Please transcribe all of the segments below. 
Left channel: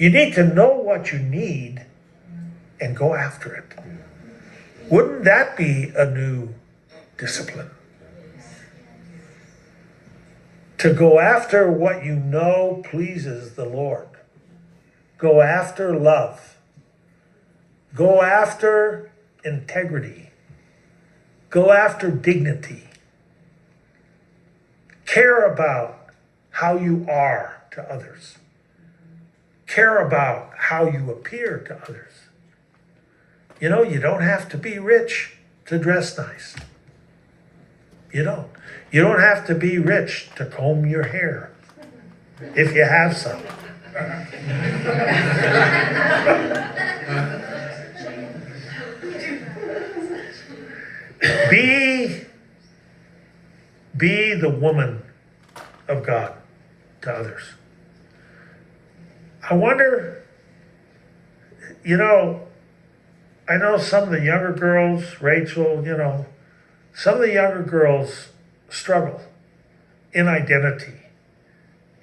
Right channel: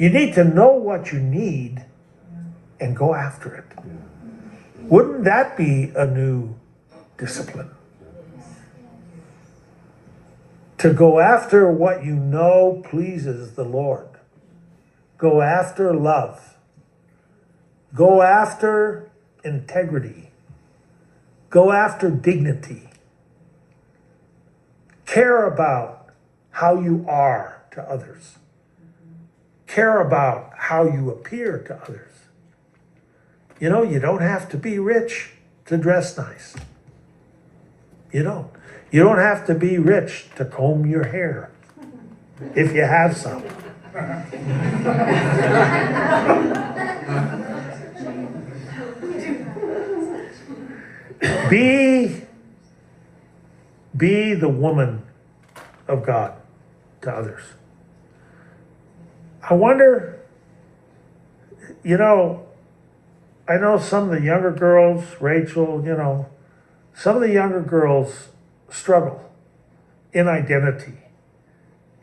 You need to know what you need and go after it. Wouldn't that be a new discipline? To go after what you know pleases the Lord. Go after love. Go after integrity. Go after dignity. Care about how you are to others. Care about how you appear to others. You know, you don't have to be rich to dress nice. You don't. You don't have to be rich to comb your hair, if you have some. Be the woman of God to others. I wonder, you know, I know some of the younger girls, Rachel, you know, some of the younger girls struggle in identity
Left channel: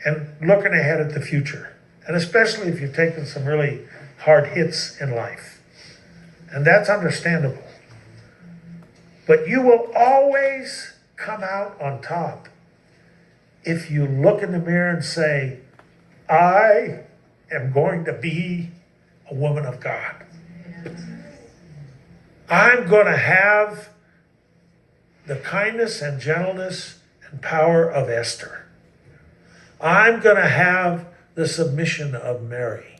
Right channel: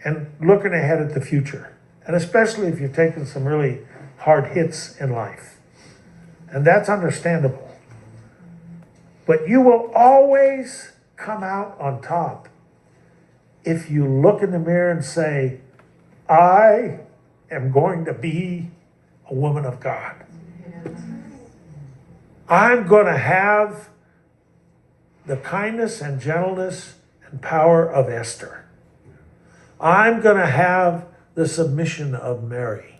and looking ahead at the future. And especially if you've taken some really hard hits in life. And that's understandable. But you will always come out on top if you look in the mirror and say, I am going to be a woman of God. I'm going to have the kindness and gentleness and power of Esther. I'm going to have the submission of Mary.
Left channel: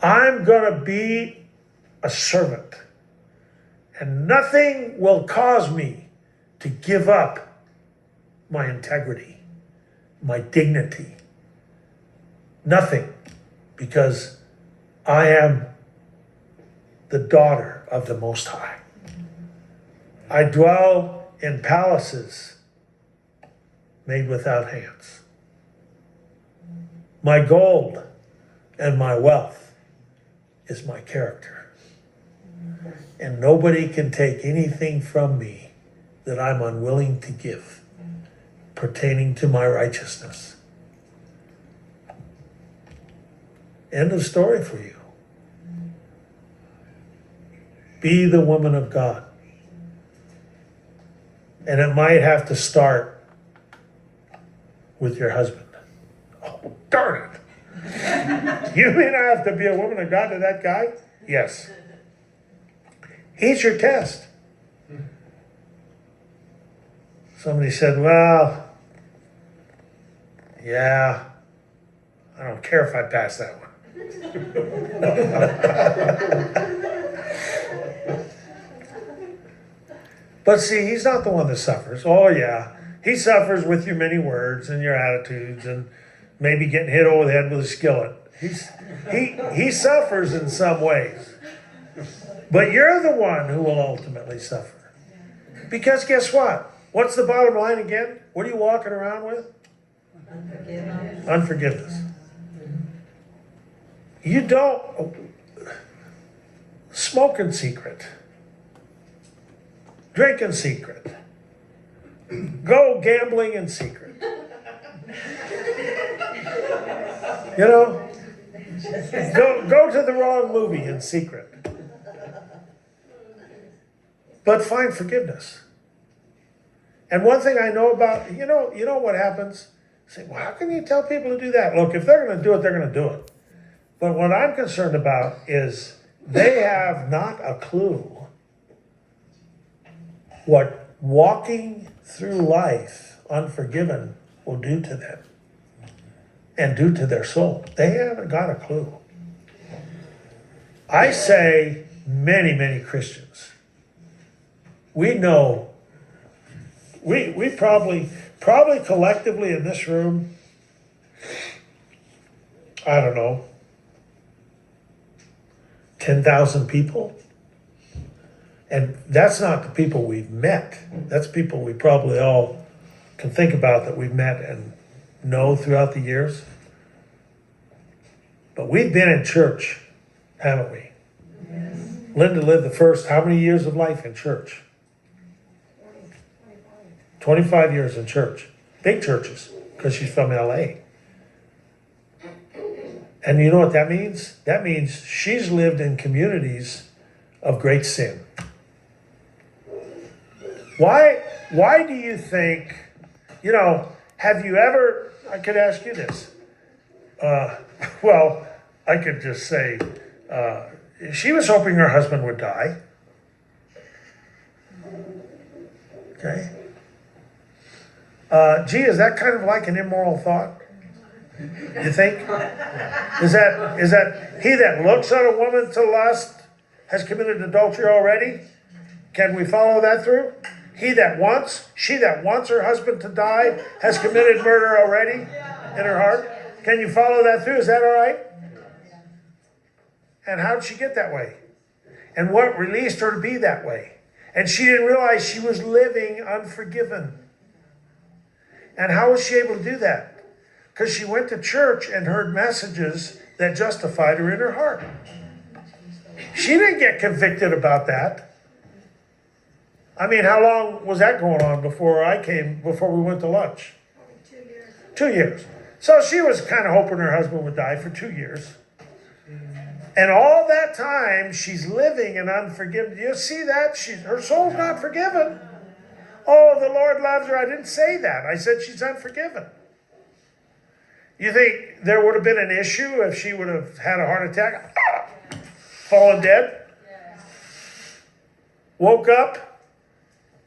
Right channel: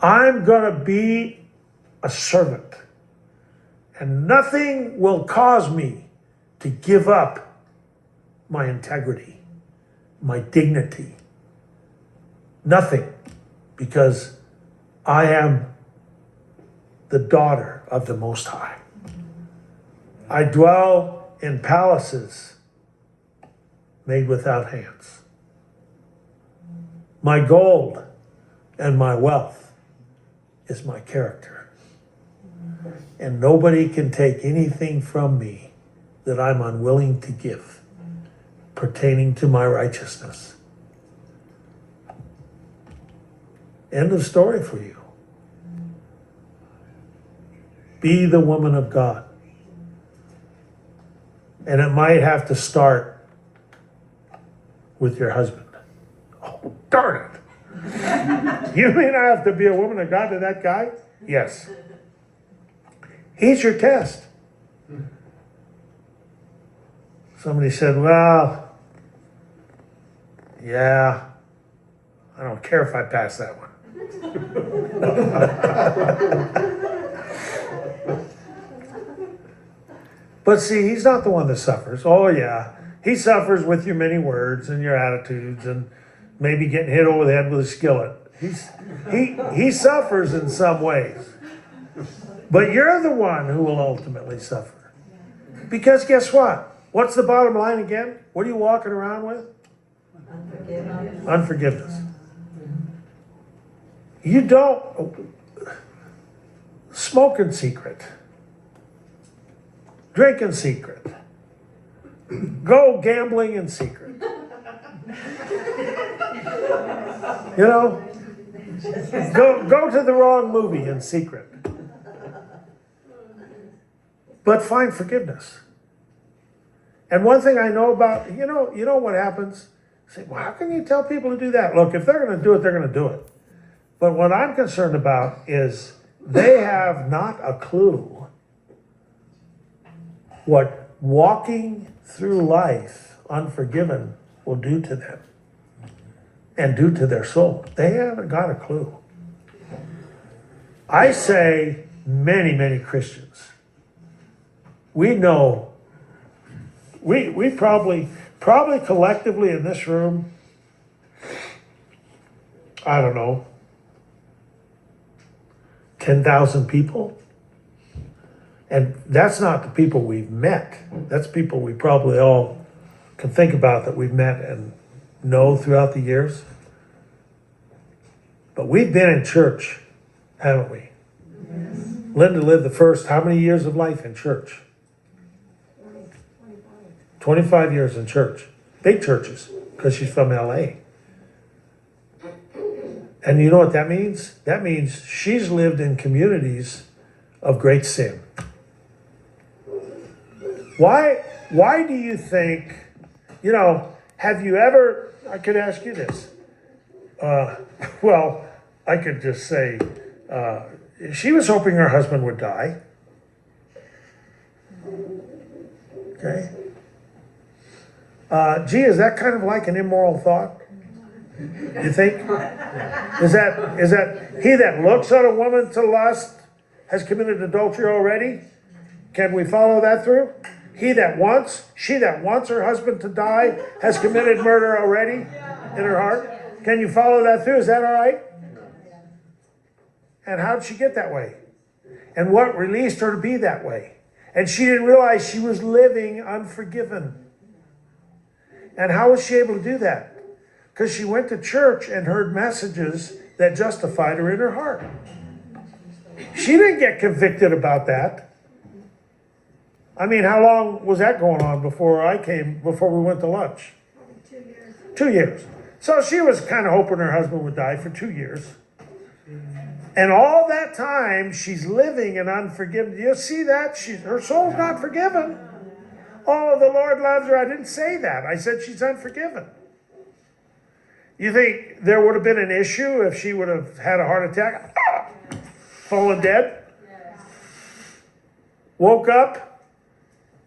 I'm going to be a servant. And nothing will cause me to give up my integrity, my dignity. Nothing, because I am the daughter of the Most High. I dwell in palaces made without hands. My gold and my wealth is my character. And nobody can take anything from me that I'm unwilling to give pertaining to my righteousness. End of story for you. Be the woman of God. And it might have to start with your husband. Oh, darn it. You may not have to be a woman of God to that guy. Yes. He's your test. Somebody said, well, yeah, I don't care if I pass that one. But see, he's not the one that suffers. Oh yeah, he suffers with your many words and your attitudes and maybe getting hit over the head with a skillet. He suffers in some ways. But you're the one who will ultimately suffer. Because guess what? What's the bottom line again? What are you walking around with? Unforgiveness. Unforgiveness. You don't smoke in secret. Drink in secret. Go gambling in secret. You know? Go to the wrong movie in secret. But find forgiveness. And one thing I know about, you know what happens? Say, well, how can you tell people to do that? Look, if they're going to do it, they're going to do it. But what I'm concerned about is they have not a clue what walking through life unforgiven will do to them and do to their soul. They haven't got a clue. I say many, many Christians, we know, we probably collectively in this room, I don't know, 10,000 people. And that's not the people we've met. That's people we probably all can think about that we've met and know throughout the years. But we've been in church, haven't we? Yes. Linda lived the first, how many years of life in church? 25 years in church. Big churches, because she's from LA. And you know what that means? That means she's lived in communities of great sin. Why do you think, have you ever, I could ask you this. Well, I could just say, she was hoping her husband would die. Okay. Gee, is that kind of like an immoral thought? You think? Is that he that looks on a woman to lust has committed adultery already? Can we follow that through? She that wants her husband to die has committed murder already in her heart. Can you follow that through? Is that all right? And how did she get that way? And what released her to be that way? And she didn't realize she was living unforgiven. And how was she able to do that? Because she went to church and heard messages that justified her in her heart. She didn't get convicted about that. I mean, how long was that going on before we went to lunch? 2 years. 2 years. So she was kind of hoping her husband would die for 2 years. And all that time, she's living in unforgiveness. Do you see that? Her soul's not forgiven. Oh, the Lord loves her. I didn't say that. I said she's unforgiven. You think there would have been an issue if she would have had a heart attack? Fallen dead? Woke up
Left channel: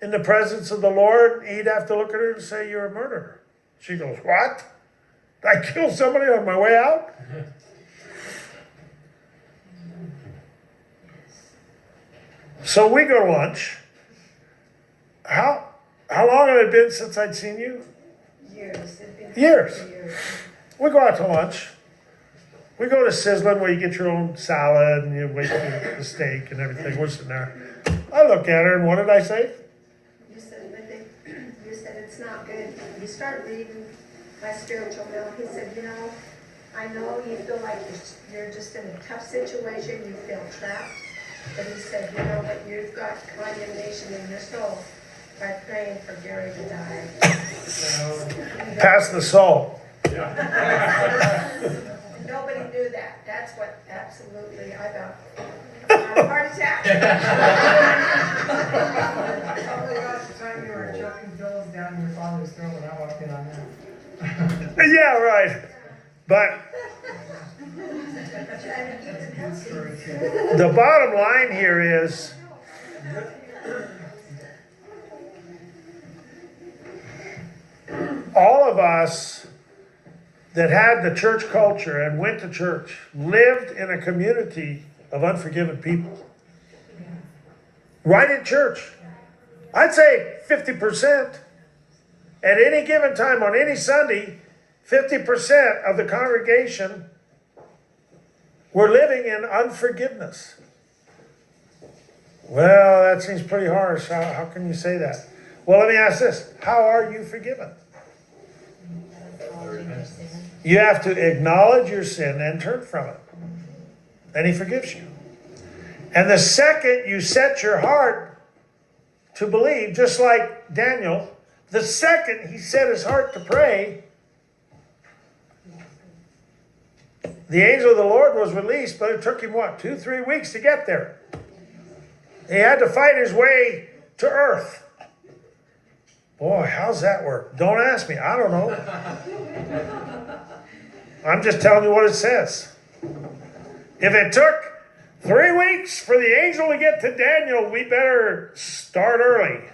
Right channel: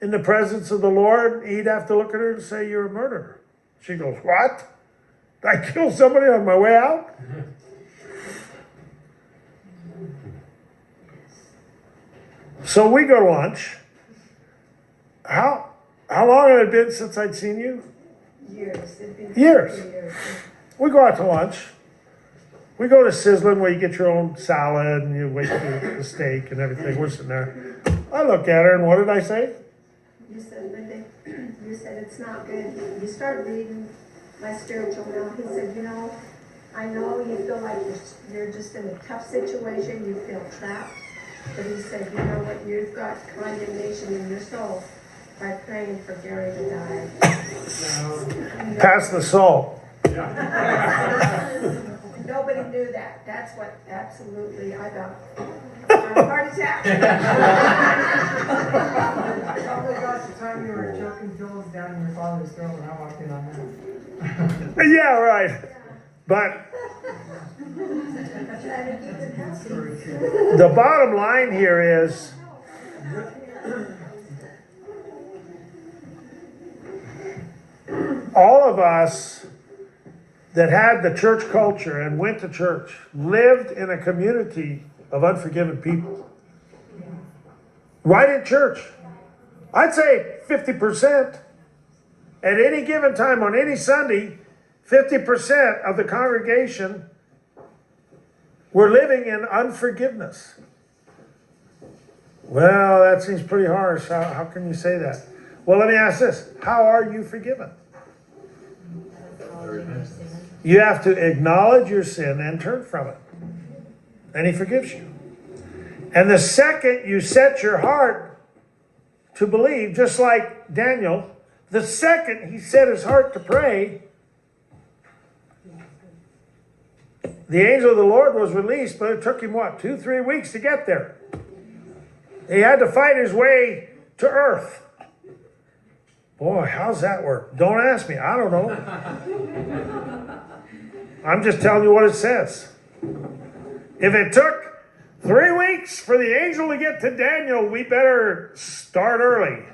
in the presence of the Lord? He'd have to look at her and say, "You're a murderer." She goes, "What? Did I kill somebody on my way out?" So we go to lunch. How long had it been since I'd seen you? Years. Years. We go out to lunch. We go to Sizzlin where you get your own salad and you wait for the steak and everything. We're sitting there. I looked at her and what did I say? You said it's not good. You start reading my spiritual will. He said, I know you feel like you're just in a tough situation. You feel trapped. But he said, you know what? You've got condemnation in your soul by praying for Gary to die. Pass the salt. Nobody knew that. That's what absolutely I got a heart attack. Talk about the time you were choking pills down in your father's throat when I walked in on that. Yeah, right. But the bottom line here is all of us that had the church culture and went to church lived in a community of unforgiven people. Right in church. I'd say 50%. At any given time on any Sunday, 50% of the congregation were living in unforgiveness. Well, that seems pretty harsh. How can you say that? Well, let me ask this. How are you forgiven? You have to acknowledge your sin and turn from it. And he forgives you. And the second you set your heart to believe, just like Daniel, the second he set his heart to pray, the angel of the Lord was released, but it took him, 2-3 weeks to get there. He had to fight his way to earth. Boy, how's that work? Don't ask me. I don't know. I'm just telling you what it says. If it took 3 weeks for the angel to get to Daniel, we better start early.